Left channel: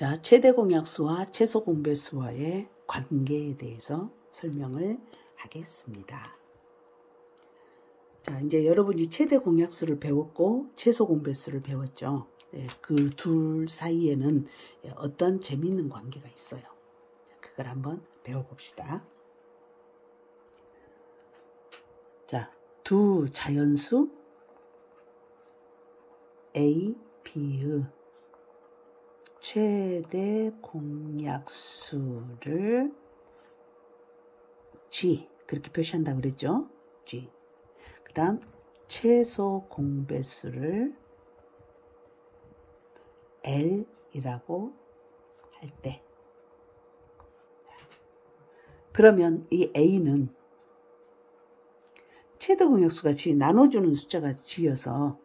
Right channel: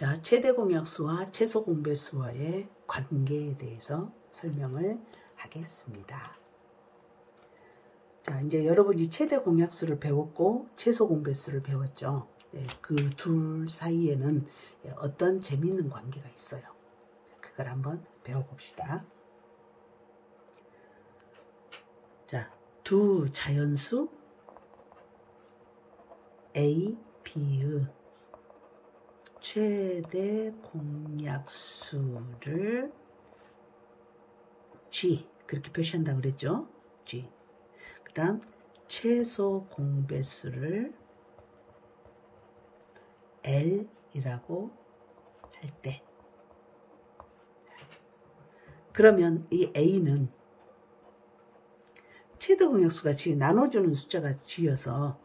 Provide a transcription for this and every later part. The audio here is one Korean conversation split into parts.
자, 최대 공약수와 최소 공배수와의 관계에 대해서 설명을 하겠습니다. 자, 이제 여러분이 최대 공약수를 배웠고 최소 공배수를 배웠죠. 네, 그 둘 사이에는 어떤 재미있는 관계가 있어요. 그걸 한번 배워봅시다. 자, 두 자연수 A, B의 최대 공약수를 G, 그렇게 표시한다고 그랬죠? G. 그 다음 최소 공배수를 L이라고 할 때, 그러면 이 A는 최대 공약수가 G, 나눠주는 숫자가 G여서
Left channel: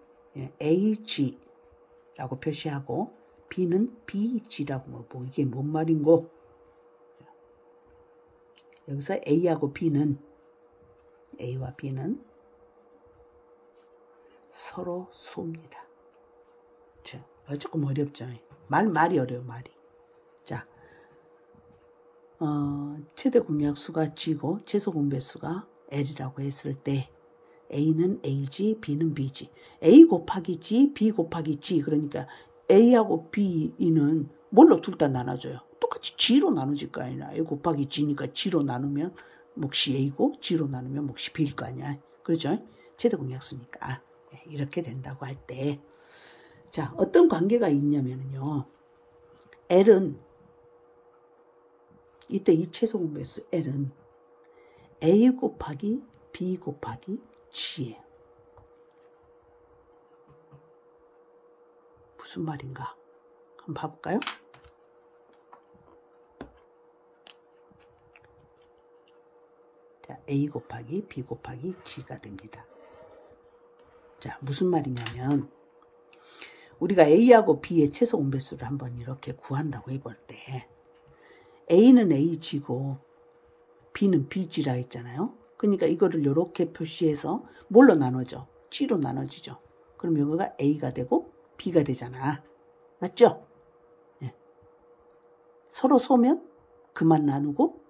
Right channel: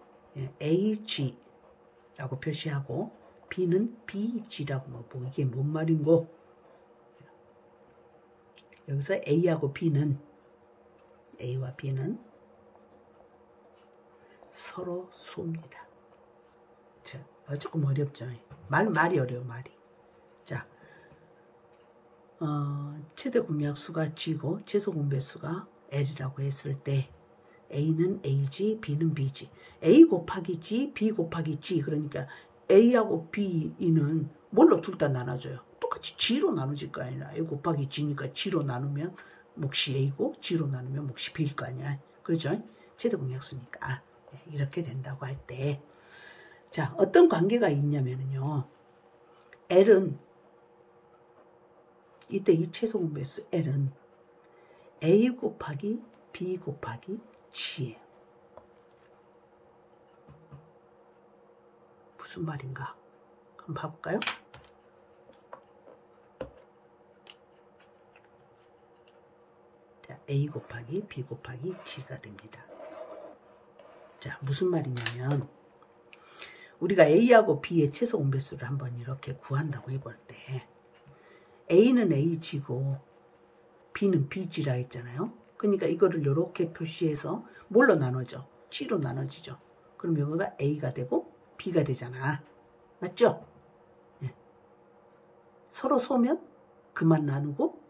AG라고 표시하고, B는 BG라고, 뭐 이게 뭔 말인고? 여기서 A하고 B는, A와 B는 서로 쏩니다. 조금 어렵죠. 말이 어려워, 말이. 자, 최대 공약수가 G고 최소 공배수가 L이라고 했을 때 A는 AG, B는 BG. A 곱하기 G, B 곱하기 G. 그러니까 A하고 B는 뭘로 둘 다 나눠줘요? 똑같이 G로 나눠질 거 아니라 A 곱하기 G니까 G로 나누면 몫이 A고 G로 나누면 몫이 B일 거 아니야. 그렇죠? 최대 공약수니까 이렇게 된다고 할 때, 자, 어떤 관계가 있냐면요. L은, 이때 이 최소 공배수 L은 A 곱하기 B 곱하기 G예요. 무슨 말인가? 한번 봐볼까요? 자, A 곱하기 B 곱하기 G가 됩니다. 자, 무슨 말이냐면, 우리가 A하고 B의 최소 공배수를 한번 이렇게 구한다고 해볼 때, A는 AG고 B는 BG라 했잖아요. 그러니까 이거를 이렇게 표시해서 뭘로 나누죠? G로 나눠지죠. 그럼 여기가 A가 되고 B가 되잖아. 맞죠? 네. 서로 쏘면 그만 나누고,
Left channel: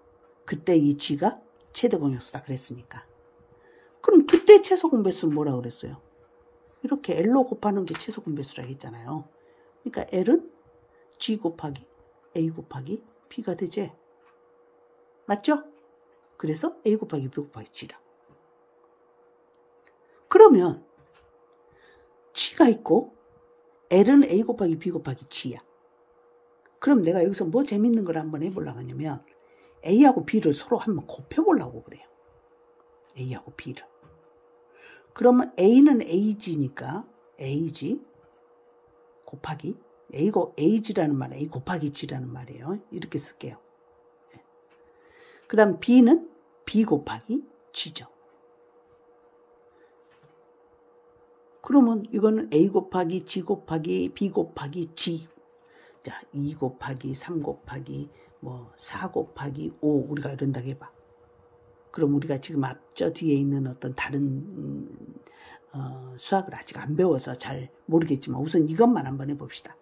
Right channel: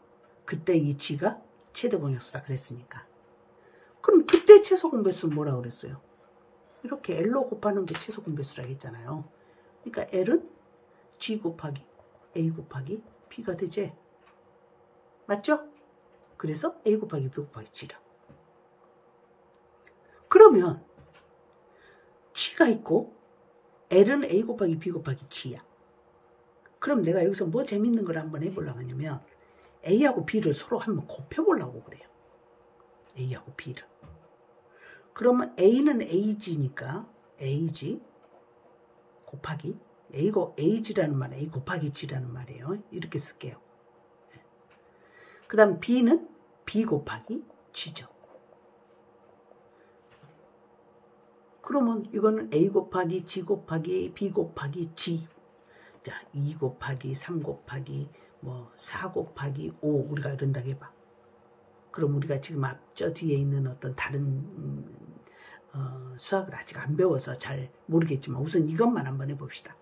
그때 이 G가 최대 공약수다 그랬으니까. 그럼 그때 최소 공배수는 뭐라고 그랬어요? 이렇게 L로 곱하는 게 최소 공배수라고 했잖아요. 그러니까 L은 G 곱하기 A 곱하기 B가 되지. 맞죠? 그래서 A 곱하기 B 곱하기 G라고. 그러면 G가 있고 L은 A 곱하기 B 곱하기 G야. 그럼 내가 여기서 뭐 재밌는 걸 한번 해보려고 하냐면 A하고 B를 서로 한번 곱해보려고 그래요. A하고 B를. 그러면 A는 AG니까 AG 곱하기 AG라는 말은 A 곱하기 G라는 말이에요. 이렇게 쓸게요. 그 다음 B는 B 곱하기 G죠. 그러면 이거는 A 곱하기 G 곱하기 B 곱하기 G. 자, 2 곱하기 3 곱하기 뭐 4 곱하기 5 우리가 이런다고 해봐. 그럼 우리가 지금 앞저 뒤에 있는 어떤 다른 수학을 아직 안 배워서 잘 모르겠지만 우선 이것만 한번 해봅시다.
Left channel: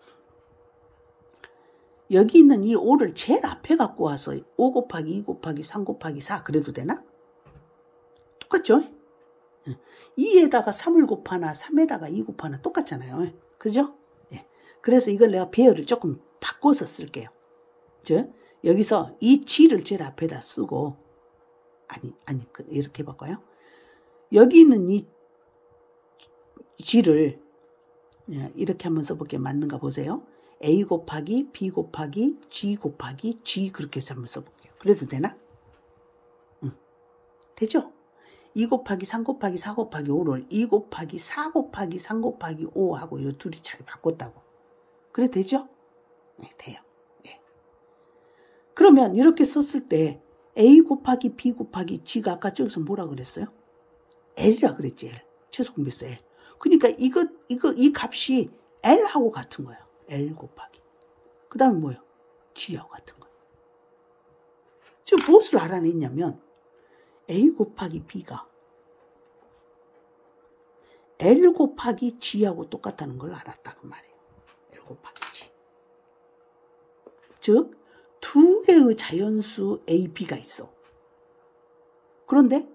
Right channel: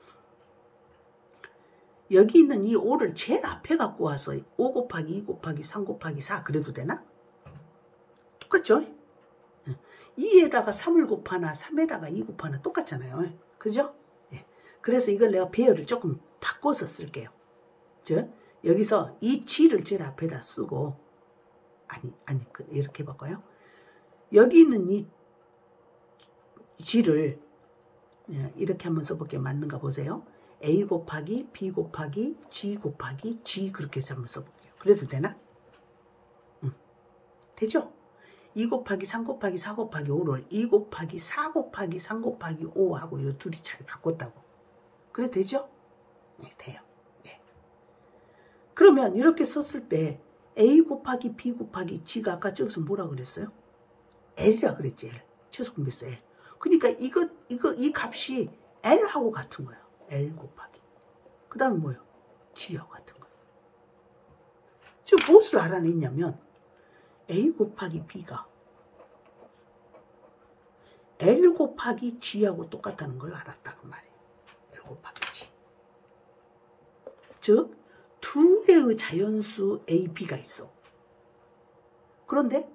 여기 있는 이 5를 제일 앞에 갖고 와서 5 곱하기 2 곱하기 3 곱하기 4 그래도 되나? 똑같죠? 2에다가 3을 곱하나 3에다가 2 곱하나 똑같잖아요. 그죠? 네. 그래서 이걸 내가 배열을 조금 바꿔서 쓸게요. 여기서 이 G를 제일 앞에다 쓰고 아니 이렇게 바꿔요. 여기 있는 이 G를 이렇게 한번 써볼게요. 맞는가 보세요. A 곱하기 B 곱하기 G 곱하기 G 그렇게 해서 한번 써볼게요. 그래도 되나? 되죠? 2 곱하기 3 곱하기 4 곱하기 5를 2 곱하기 4 곱하기 3 곱하기 5하고 이 둘이 잘 바꿨다고. 그래 되죠? 네, 돼요. 네. 그러면 이렇게 썼을 때 A 곱하기 B 곱하기 G가 아까 저기서 뭐라고 그랬어요? L이라 그랬지. L. 최소 공배수 L. 그러니까 이 값이 L하고 같은 거예요. L 곱하기. 그 다음에 뭐예요? G하고 같은 거예요. 지금 무엇을 알아냈냐면 A 곱하기 B가 L 곱하기 G하고 똑같다는 걸 알았다 그 말이에요. L 곱하기 G. 즉 두 개의 자연수 A, B가 있어. 그런데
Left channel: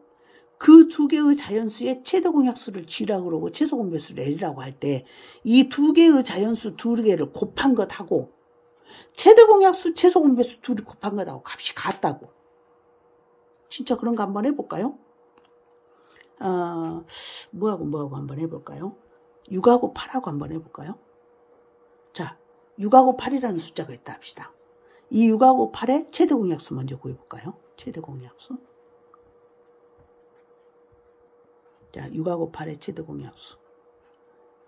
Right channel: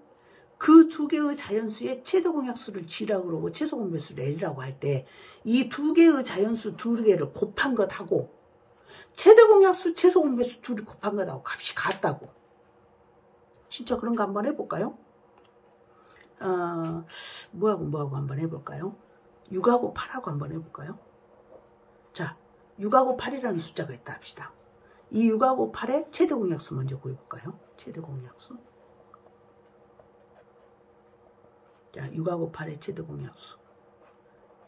그 두 개의 자연수의 최대 공약수를 G라고 그러고 최소 공배수를 L이라고 할 때 이 두 개의 자연수 두 개를 곱한 것하고 최대 공약수, 최소 공배수 둘이 곱한 것하고 값이 같다고. 진짜 그런 거 한번 해볼까요? 뭐하고 한번 해볼까요? 6하고 8하고 한번 해볼까요? 자, 6하고 8이라는 숫자가 있다 합시다. 이 6하고 8의 최대 공약수 먼저 구해볼까요? 최대 공약수. 자, 6하고 8의 최대 공약수.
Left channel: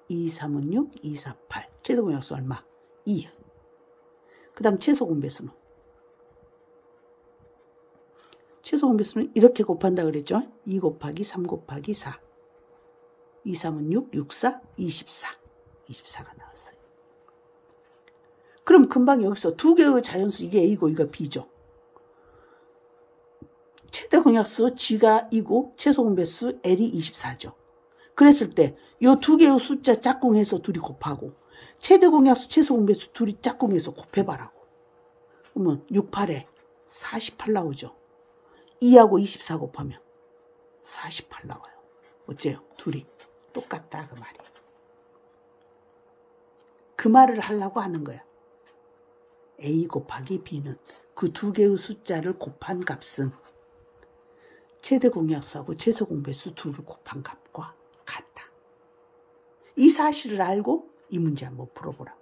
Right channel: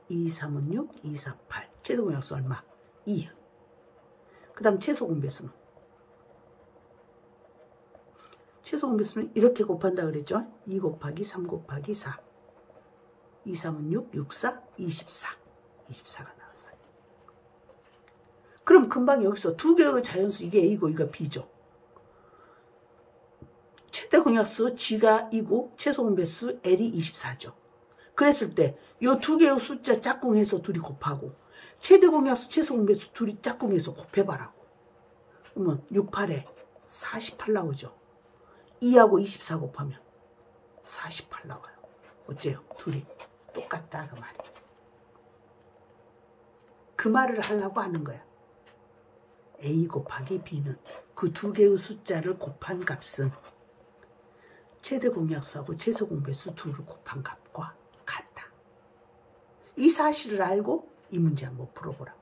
2, 3은 6, 2, 4, 8. 최대 공약수 얼마? 2. 그 다음 최소 공배수는? 최소 공배수는 이렇게 곱한다 그랬죠? 2 곱하기 3 곱하기 4. 2, 3은 6, 6, 4, 24. 24가 나왔어요. 그럼 금방 여기서 두 개의 자연수, 이게 A고 이거 B죠. 최대 공약수 G가 2고 최소 공배수 L이 24죠. 그랬을 때 이 두 개의 숫자 짝꿍해서 둘이 곱하고 최대 공약수, 최소 공배수 둘이 짝꿍해서 곱해봐라고. 그러면 6, 8에 48 나오죠. 2하고 24 곱하면 48 나와요. 어째요? 둘이 똑같다 그 말이에요. 그 말을 하려고 하는 거야. A 곱하기 B는 그 두 개의 숫자를 곱한 값은 최대 공약수하고 최소 공배수 둘을 곱한 값과 같다. 이 사실을 알고 이 문제 한번 풀어보라고.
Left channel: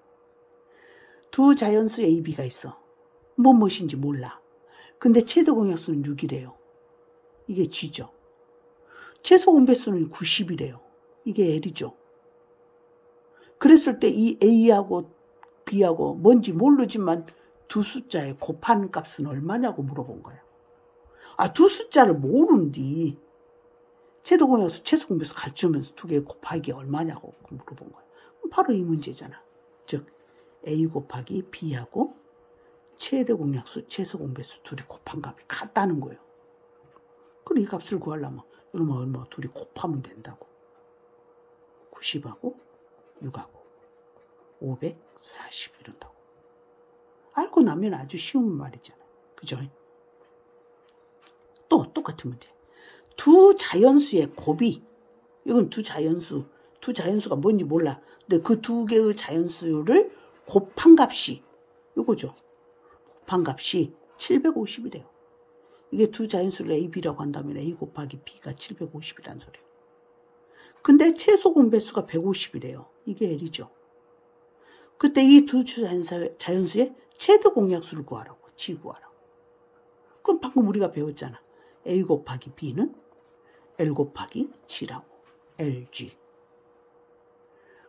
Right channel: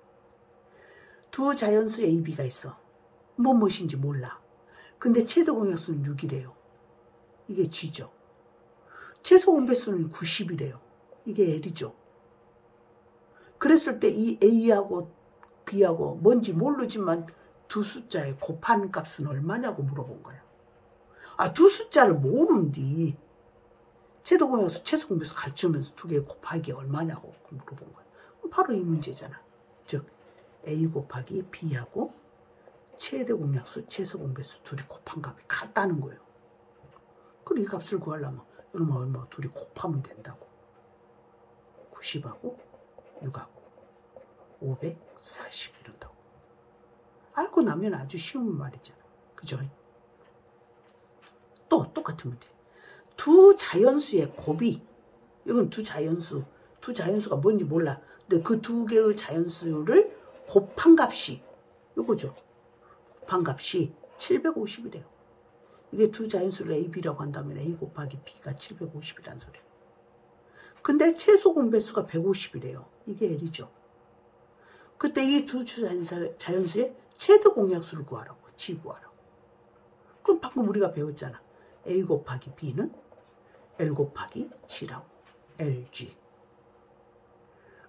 두 자연수 A, B가 있어. 무엇인지 몰라. 근데 최대 공약수는 6이래요. 이게 G죠. 최소 공배수는 90이래요. 이게 L이죠. 그랬을 때 이 A하고 B하고 뭔지 모르지만 두 숫자의 곱한 값은 얼마냐고 물어본 거예요. 아, 두 숫자를 모르는디 최대 공약수, 최소 공배수 가르치면서 두 개 곱하기 얼마냐고 물어본 거예요. 바로 이 문제잖아. 즉 A 곱하기 B하고 최대 공약수, 최소 공배수 둘이 곱한 값이 같다는 거예요. 그럼 이 값을 구하려면 얼마 둘이 곱하면 된다고. 90하고 6하고 540 이런다고. 알고 나면 아주 쉬운 말이잖아요. 그죠? 또 똑같은 문제. 두 자연수의 곱이, 이건 두 자연수가 뭔지 몰라. 근데 그 두 개의 자연수를 곱한 값이 이거죠. 곱한 값이 750이래요. 이게 두 자연수를 A, B라고 한다면 A 곱하기 B가 750이란 소리예요. 근데 최소 공배수가 150이래요. 이게 L이죠. 그때 이 두 자연수의 최대 공약수를 구하라고. G 구하라고. 그럼 방금 우리가 배웠잖아. A 곱하기 B는 L 곱하기 G라고. LG.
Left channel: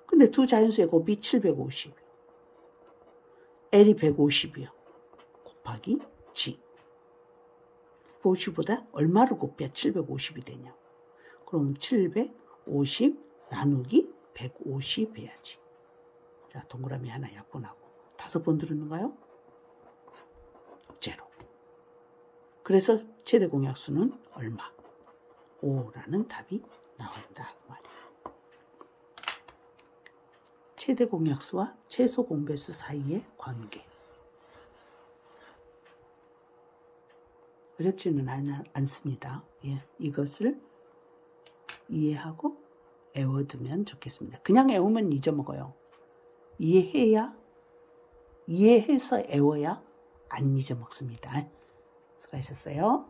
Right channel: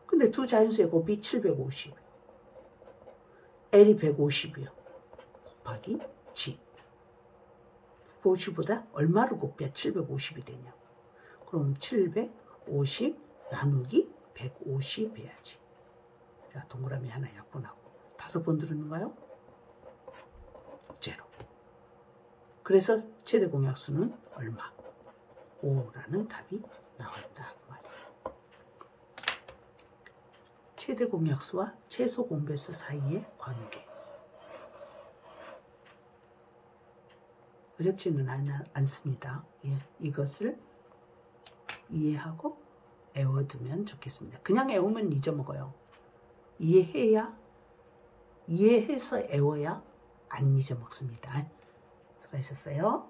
근데 두 자연수의 곱이 750. L이 150이요. 곱하기 G. 150보다 얼마를 곱해야 750이 되냐. 그럼 750 나누기 150 해야지. 자, 동그라미 하나 약분하고 5번 들었는가요? 제로. 그래서 최대 공약수는 얼마? 5라는 답이 나온다. 최대 공약수와 최소 공배수 사이의 관계. 어렵지는 않습니다. 예, 이것을 이해하고 외워두면 좋겠습니다. 그냥 외우면 잊어먹어요. 이해해서 외워야 안 잊어먹습니다. 수고하셨어요.